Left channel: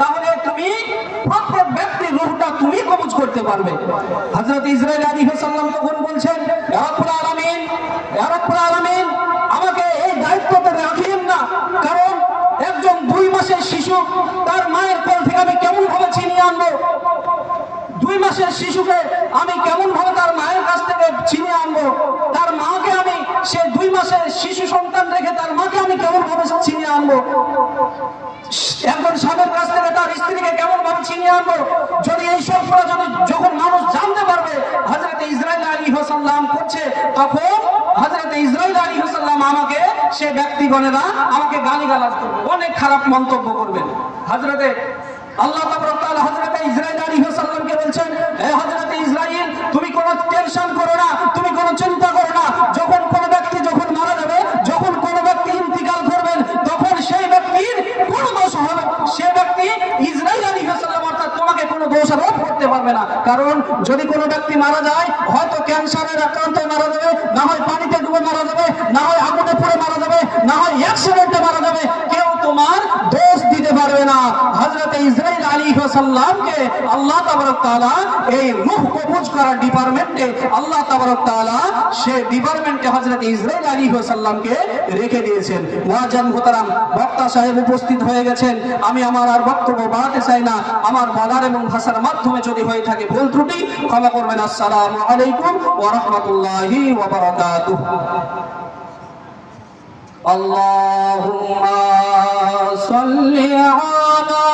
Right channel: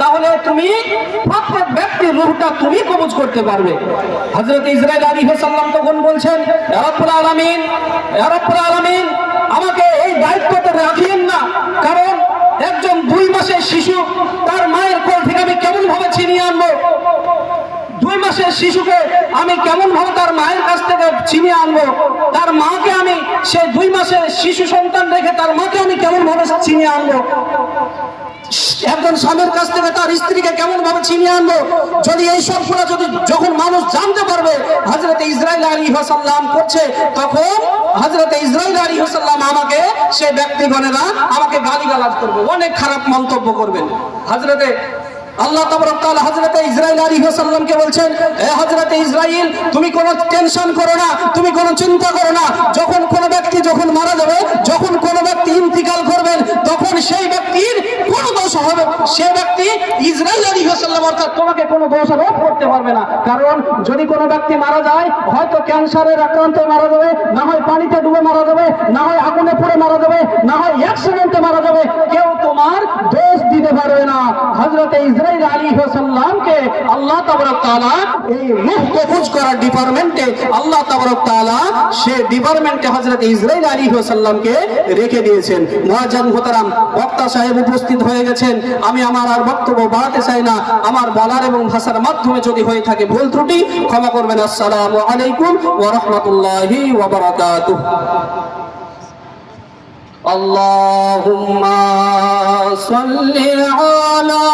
তাহলে তুমি প্রত্যেক ব্যক্তির রূহটা তুমি কবজ করতে পারবে। হযরত ইসরাইল আলাইহিস সালাম তখন বলছেন, ইয়া রাব্বুল আলামিন, ইয়া রাব্বুল আলামিন, আমাকে এই দায়িত্বতে রাখিয়েন না, কারণ একজন 2 মাসের শিশু তার মায়ের কোল থেকে আমি কেমন ভাবে ছিনিয়ে আনবো? 2 মাসের শিশুকে আমি কেমন ভাবে তার মায়ের কাছ থেকে ছিনিয়ে আনবো? তার মাকে আমি, সে 2 মাসের শিশু সন্তান রেখে তার মাকে আমি কেমন ভাবে ছিনিয়ে আনবো? একজন স্বামীর কাছ থেকে তার স্ত্রীকে কেমন ভাবে ছিনিয়ে আনবো? যদি এই সবগুলো যখন মানুষ জানতে পারবে হযরত ইসরাইল আলাইহিস সালাম করছে, তখন হযরত ইসরাইল আলাইহিস সালাম আমাকে, সে ব্যক্তিগণেরা আমাকে গালিগালাজ করবে, অনেক খারাপ মন্তব্য করবেন। হযরতে আল্লাহ তাবারক তাআলা হযরতে ইসরাইল আলাইহিস সালামকে বলছেন, হে হযরতে ইসরাইল, তুমি কোনো টেনশন করো না, তুমি কোনো চিন্তা করো না। যখন কোনো ব্যক্তি যখন মারা যাবে, যখন কোনো ব্যক্তি ইন্তিকাল করবেন, তখন সেই ব্যক্তির কোনো দোষ হবে, সে ব্যক্তি ইসরাইল আলাইহিস সালাম অর্থাৎ তোমাকে কোনো দোষারোপ করতে পারবে না। কারণ যদি কোনো ব্যক্তি মারা যায়, হয়তো ক্যান্সারের আক্রান্ত মারা যাবে, না হয় পানিতে ডুবে মারা যাবে, না হয় আগুনে পুড়ে মারা যাবে, না হয় অ্যাক্সিডেন্টে মারা যাবে, কেউ তোমার দোষ দিতে পারবে না। হযরতে ইসরাইল আলাইহিস সালামকে আল্লাহ তাবারক তাআলা এই রূহ কবজ করার ডিপার্টমেন্টে, আল্লাহ তাবারক তাআলা সে ডিপার্টমেন্টে হযরতে ইসরাইল আলাইহিস সালামকে রেখে দিয়েছেন। মুআজ্জিন মুহতারাম, বক্তা সাহেব উপস্থিত হয়ে গেছেন। আমি আমার আর বক্তব্য বাড়াতে চাই না। আমার বলার এবং ভাষার মাধ্যমে যদি হয়ে থাকে ভুল ত্রুটি ক্ষমা করবেন। আসসালামু আলাইকুম ওয়া রাহমাতুল্লাহি ওয়া বারাকাতুহু। اللهم صل على